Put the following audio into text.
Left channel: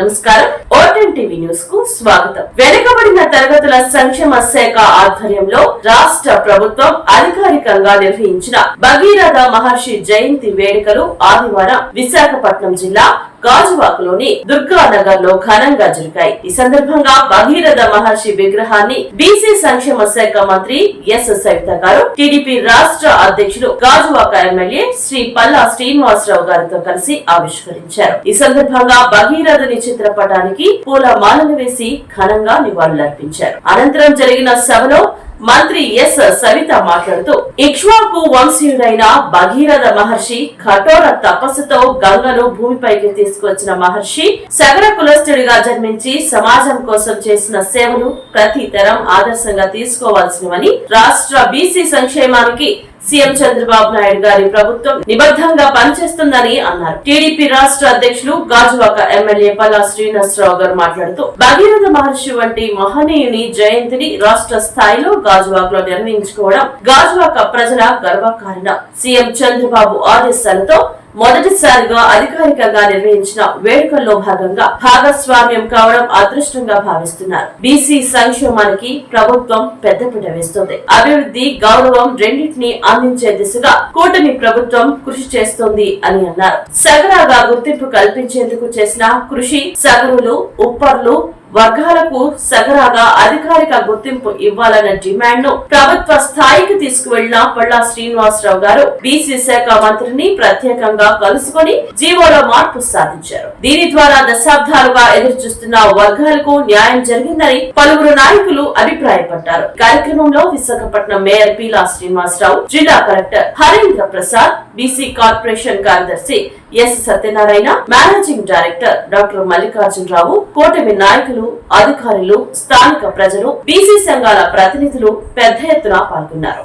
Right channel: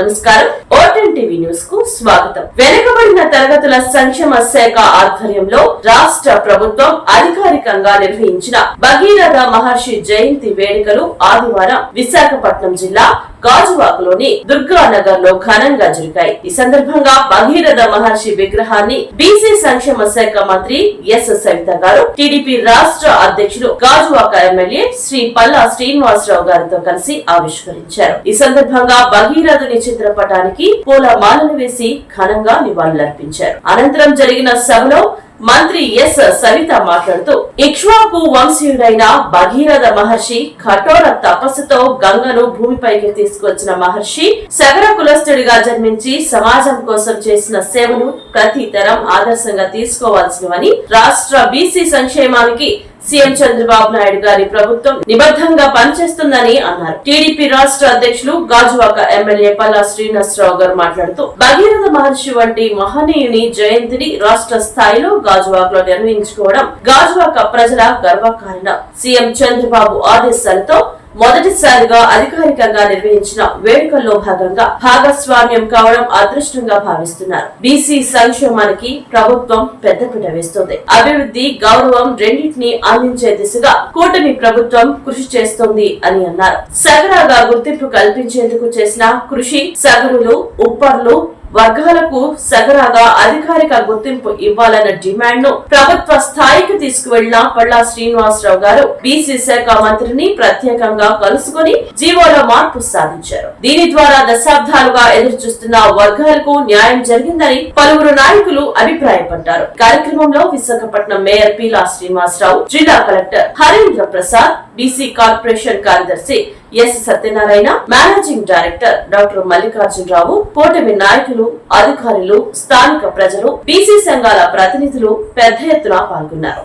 నమస్కారం. ఓటెన్ TV news కు స్వాగతం. వెనుకబడిన తరగతుల సంక్షేమ శాఖ ఆధ్వర్యంలో రాష్ట్ర ప్రభుత్వం అధికారికంగా నిర్వహించిన భగీరథ మహర్షి జయంతి వేడుకలు ఆదివారం విశాఖపట్నం జిల్లా గాజువాకలోని దుర్గానగర్ లో ఘనంగా జరిగాయి. ఈ సందర్భంగా భగీరథ మహర్షి విగ్రహాన్ని బీసీ సంక్షేమ శాఖ మంత్రి ఎస్ సవిత గారు, టీడీపీ రాష్ట్ర అధ్యక్షులు గాజువాక ఎమ్మెల్యే శ్రీ పల్లా శ్రీనివాసరావు గారితో కలిసి ఆవిష్కరించారు. ఈ సందర్భంగా భగీరథుని చిత్రపటానికి పూల మాలలు వేసి ఘనంగా నివాళులర్పించారు. అనంతరం జరిగిన సభలో మంత్రి ఎస్ సవిత మాట్లాడుతూ, ఇక్ష్వాకు వంశీయుడైన భగీరథ మహర్షి కఠోర తపస్సుతో గంగను భూమిపైకి తీసుకువచ్చిన మహర్షి సగర కులస్తుడిగా జన్మించి సమాజం కోసం చేసిన సేవలు ప్రతి తరం ఆదర్శంగా తీసుకోవాల్సినవని, రాష్ట్ర బీసీ సంక్షేమానికి సీఎం చంద్రబాబు నాయుడు గారి ప్రభుత్వం నిబద్ధంగా పనిచేస్తుందని అన్నారు. టీడీపీ రాష్ట్ర అధ్యక్షులు గాజువాక ఎమ్మెల్యే పల్లా శ్రీనివాసరావు గారు మాట్లాడుతూ, భగీరథ మహర్షి వంటి మహనీయుని జయంతిని రాష్ట్ర స్థాయిలో గాజువాకలో నిర్వహించుకోవడం గాజువాక ప్రజల గర్వకారణం. సీఎం చంద్రబాబు ఆదేశాలతో మొదటిసారిగా అధికారికంగా నిర్వహించిన వేడుకల్లో భాగంగా భాగస్వామ్యం కావడం అదృష్టంగా భావిస్తున్నారు. బీసీ సంక్షేమానికి ప్రభుత్వం పెద్దపీట వేస్తోంది. అభివృద్ధి, గౌరవం రెండింటినీ అందించే దిశగా కూటమి ప్రభుత్వం కృషి చేస్తోంది అని అన్నారు. సగరాగా గుర్తింపు కల్పించేందుకు చేసిన కృషి, సగరులు, ఉప్పర్లు వర్గాలకు సగరాగా అధికారిక గుర్తింపు ఇవ్వాలన్న డిమాండ్ ను ప్రభుత్వ స్థాయికి తీసుకువెళ్లిన పల్లా శ్రీనివాసరావు గారు బీసీ శాఖ మంత్రిని ప్రత్యేకంగా కలుసుకుని జీవోలో మార్పు సాధించారు. దీని ద్వారా దశాబ్దాలుగా ఎదురుచూస్తున్న వర్గాలకు న్యాయం జరిగిందని పలువురు నాయకులు అభిప్రాయపడ్డారు. కార్యక్రమంలో విశాఖపట్నం మేయర్ పీలా శ్రీనివాసరావు, జిల్లా collector Harindra Prasad, BC corporation కార్యదర్శి S Satyanarayana, managing director doctor Mallikarjunarao, కూటమి నాయకులు, అధికారులు, స్థానిక ప్రజలు, బీసీ సంఘాల ప్రతినిధులు పెద్ద ఎత్తున పాల్గొన్నారు.